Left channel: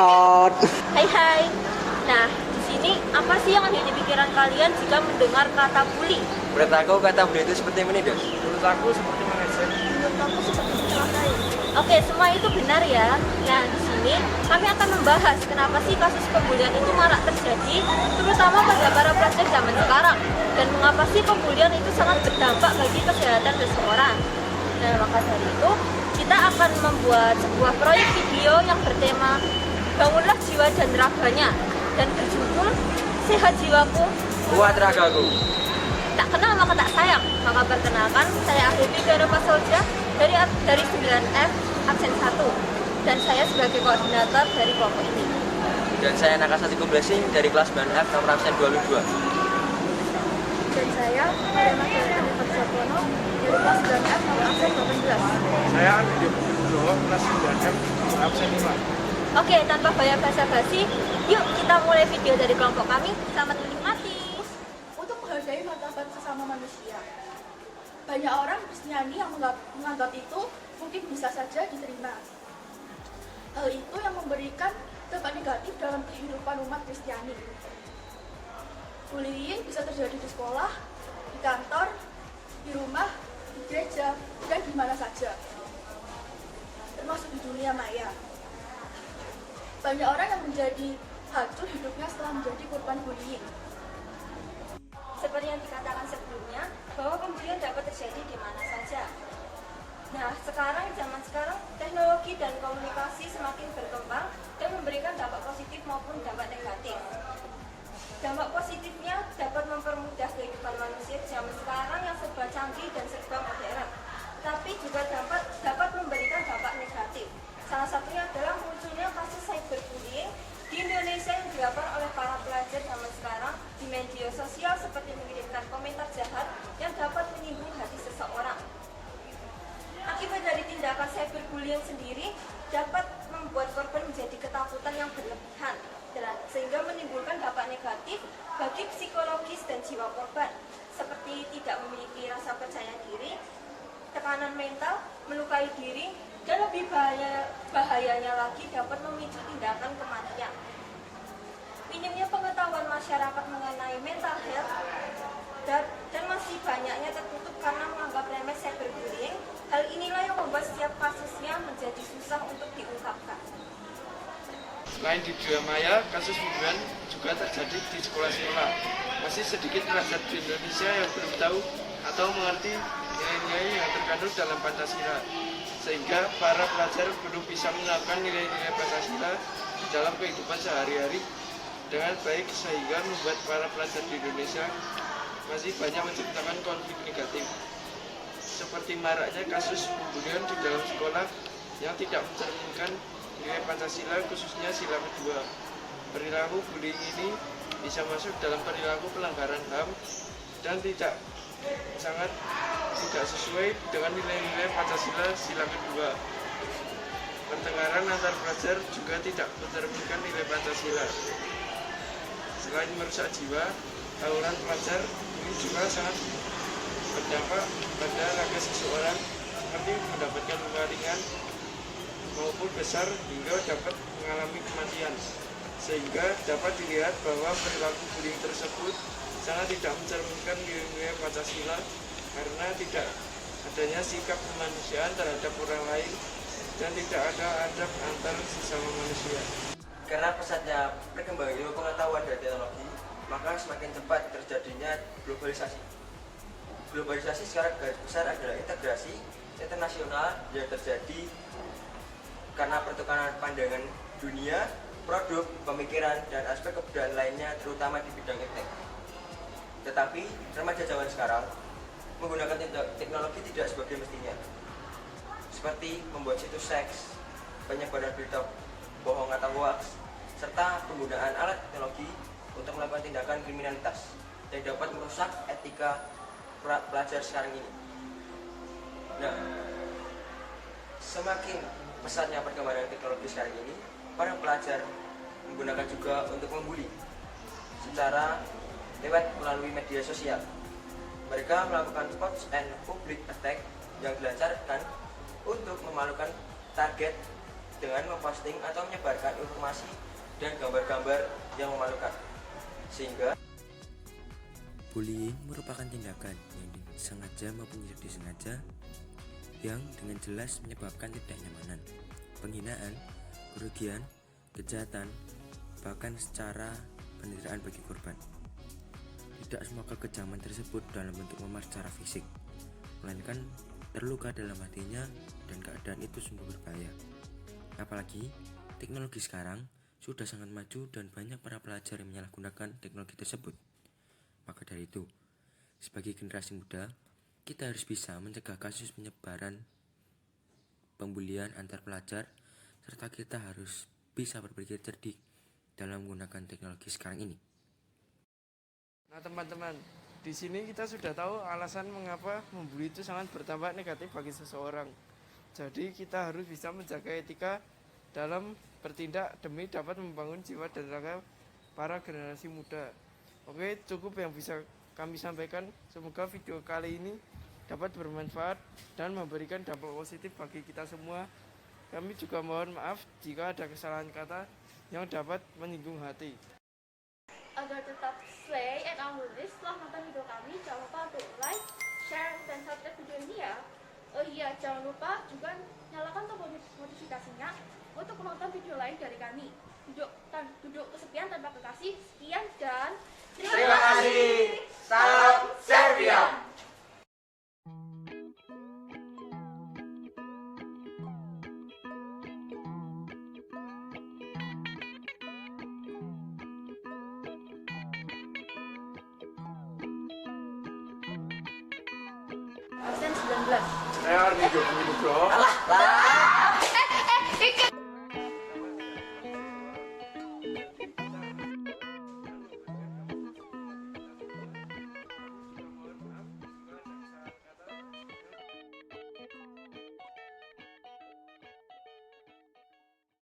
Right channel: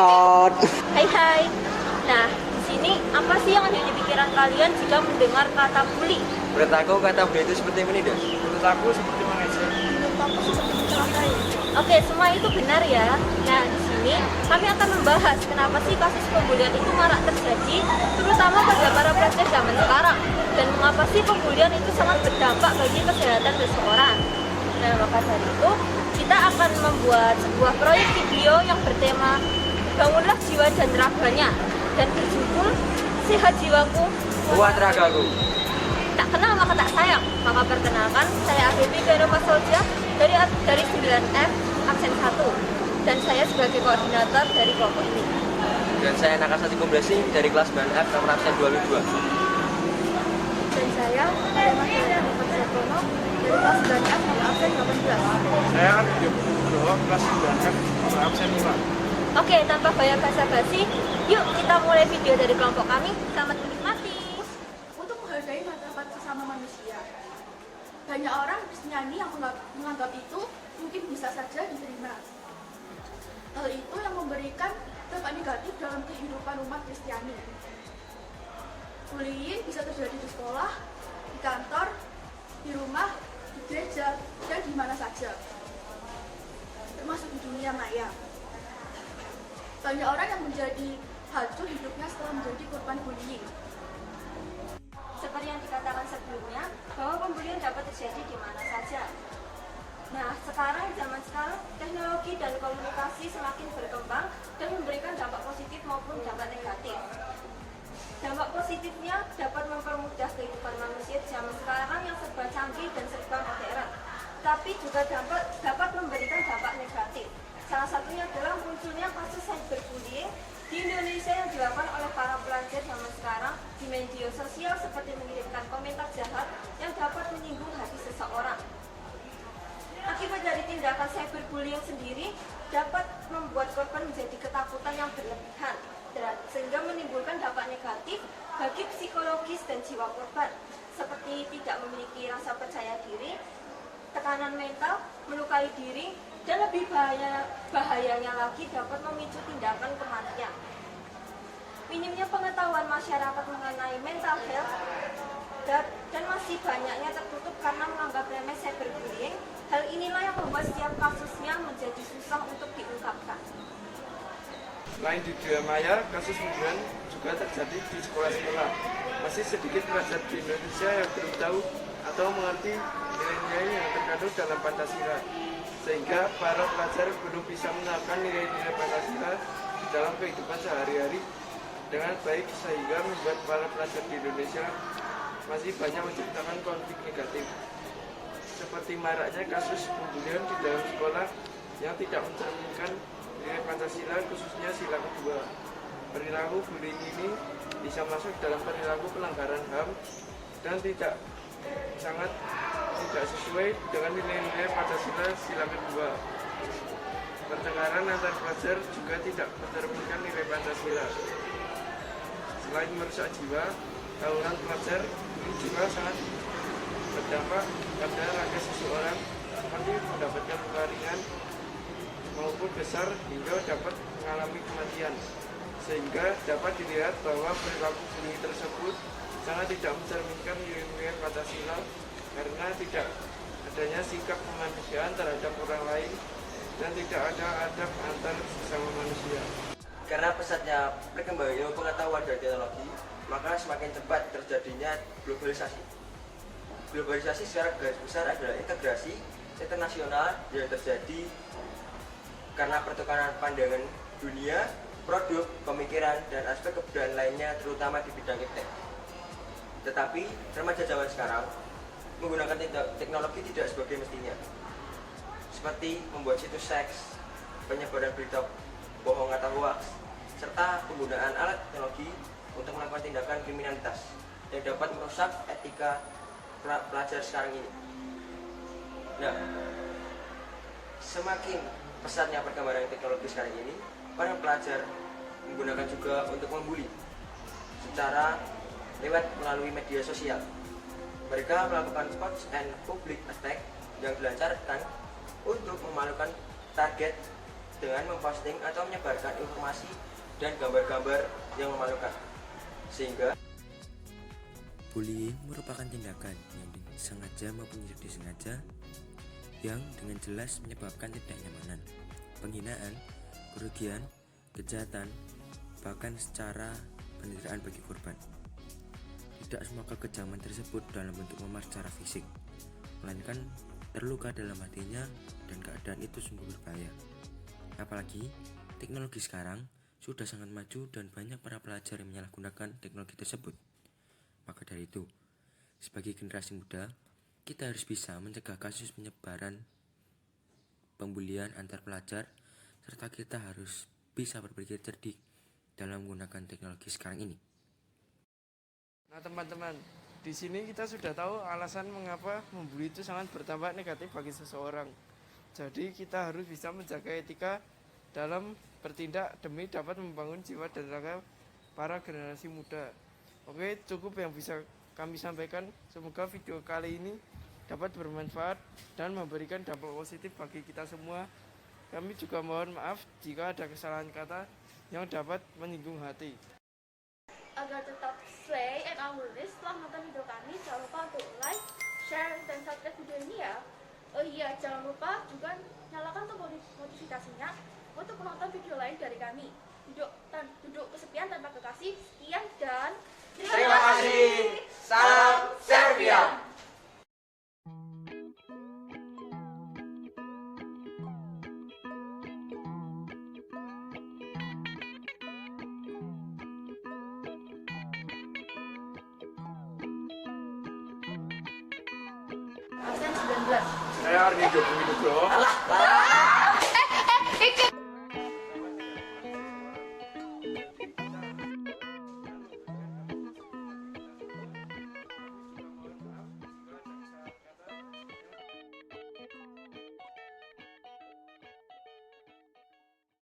Tot. Hai hai. Nah, di sini apa sih yang ada di pikiran kalian jika mendengar kata bully? Menurut aku kata bully itu seperti ini, Dos. Menurut aku seperti mengejek. Menurut aku seperti mencelakai. Oke, semua itu benar ya. Nah, di sini kami akan membahas kenapa sih kasus pembulian itu marak terjadi, terutama pada para pelajar zaman sekarang, dan mengapa sih pembulian itu sangat berdampak bagi kesehatan seseorang. Nah, maka dari itu kita akan membuat sebuah proyek video yang bertema Bangunlah Jiwa dan Raganya dan berjudul Sehat Jiwaku, Kuat ragaku. Tak kenal maka tak sayang. Maka perkenalkan, saya Ahibi Gairoma Solja dari 9F absen 1, dan saya sebagai koordinator dari kelompok ini. Dan saya Nakasati Kubrasing dari kelas 9F nomor absen 22. Dan saya Madama Jalan Fatsokono dari kelas 9F nomor absen 18. Saya di Nugroho kelas 9F nomor absen 5. Oke, tanpa banyak basa-basi, yuk kita mulai video dari kelompok kami. Selamat menikmati. Untuk menghargai martabat sesama manusia. Banyak orang Kristiani yang menganggap itu mungkin bisa saja diterima. Hal itu yang memberikan dampak negatif dalam kehidupan umat Kristiani. Bullying bisa terjadi di sekolah, di kantor, di rumah, di gereja, dan di mana saja. Termasuk di dunia maya. Banyak orang yang menjadi hancur hidupnya setelah menjadi korban bullying. Seperti yang dikatakan sebelumnya, bahwa pembulian dapat terjadi di mana saja. Nah, zaman sekarang, teknologi dan komunikasi semakin berkembang dan memberikan dampak positif maupun dampak negatif. Dampak positifnya dapat mempermudah kehidupan manusia di zaman sekarang yang serba canggih dan serba modern. Tapi juga dapat memberikan dampak negatif. Salah satunya adalah munculnya kasus cyberbullying di Indonesia yang dilakukan oleh para pelajar zaman sekarang di media sosial, seperti mengirimkan komentar jahat yang dapat menyinggung hati seseorang. Akibat dari tindakan cyberbullying sendiri dapat membuat korban menjadi ketakutan yang berlebihan, sehingga menimbulkan dampak negatif bagi psikologis dan jiwa korban, seperti tidak memiliki rasa percaya diri, tekanan mental, melukai diri, dan lebih bahayanya lagi dapat memicu tindakan kematian. Minimnya pengetahuan masyarakat mengenai mental health dan masih banyaknya tertutup karena menganggap remeh cyberbullying. Hal inilah yang membuat setiap kasusnya menjadi susah untuk diungkapkan. Selain di dunia maya, kasus pembulian juga terjadi di sekolah-sekolah. Masih sedikit pelajar di Indonesia yang belum tahu atau mengerti nilai-nilai yang terkandung dalam Pancasila, sehingga para pelajar belum bisa menerapkan nilai-nilai Pancasila di dalam kehidupan sehari-hari dengan baik, sehingga membuat para pelajar di Indonesia masih banyak menciptakan konflik negatif, seperti maraknya kasus pembulian di dalam sekolah yang tidak mencerminkan nilai Pancasila, khususnya sila kedua. Perilaku bullying ini bisa masuk dalam perilaku pelanggaran HAM dan sangat tidak sesuai dengan nilai-nilai Pancasila sila kedua. Pertengkaran antar pelajar juga tidak mencerminkan nilai Pancasila. Selain merusak jiwa, tawuran pelajar ini juga sangat berdampak pada raga seseorang, seperti mendapatkan luka ringan maupun besar hingga dapat mengalami kematian, sehingga dapat dilihat bahwa perilaku bullying tersebut sangat tidak mencerminkan nilai Pancasila karena tidak adanya sikap kemanusiaan terhadap orang lain dan tidak ada adab antar sesama manusia. Karena pesatnya perkembangan ilmu pengetahuan dan teknologi, maka semakin cepat terjadinya globalisasi. Globalisasi secara garis besar adalah integrasi internasional yang terjadi karena pertukaran pandangan dunia, produk, pemikiran, dan aspek kebudayaan lainnya, terutama di bidang iptek. Tetapi remaja zaman sekarang menggunakan teknologi tidak sebagai mestinya, seperti membuat situs seks, penyebaran berita bohong atau hoax, serta penggunaan alat teknologi untuk melakukan tindakan kriminalitas yang dapat merusak etika pelajar sekarang ini. Nah, semakin pesatnya perkembangan teknologi sekarang ini, para pelajar menggunakan juga untuk membuli secara lewat melalui media sosial. Mereka melakukan hoax and public attack yang dilancarkan untuk memalukan target dengan memposting atau menyebarkan informasi dan gambar-gambar yang memalukan. Sehingga bullying merupakan tindakan yang disengaja maupun tidak disengaja yang dengan jelas menyebabkan ketidaknyamanan, penghinaan, kerugian, kejahatan, bahkan secara penderitaan bagi korban. Tidak semua kekejaman tersebut dalam bentuk memar secara fisik, melainkan terluka dalam hatinya dan keadaan itu sungguh berbahaya. Apalagi teknologi sekarang sudah sangat maju dan banyak para pelajar yang menyalahgunakan teknologi tersebut. Maka dari itu, sebagai generasi muda, kita harus bisa mencegah kasus penyebaran pembulian antar pelajar, serta kita harus bisa berpikir cerdik dalam menggunakan teknologi sekarang ini. Nah teman-teman, di sini kita sudah tahu alasan mengapa membuli itu sangat berdampak negatif bagi seseorang. Jadi kita harus bisa menjaga etika dalam bertindak demi dapat membangun jiwa dan raga para generasi muda. Oke, cukup yang bisa kami sampaikan. Semoga video kali ini dapat bermanfaat dan memberikan dampak positif bagi kita semua. Kami juga mohon maaf jika ada kesalahan kata yang dapat menyinggung hati. Agar tetap stay and always setelah nonton video kami, jangan lupa untuk like, share, dan subscribe video ini ya. Oh iya, jangan lupa juga nyalakan tombol notifikasinya untuk menonton video lain dari kami. Duduk kesepian tanpa kekasih. Sekian dan terima kasih. salam Serbia. Absen 19. Saya Ardi Jokowi.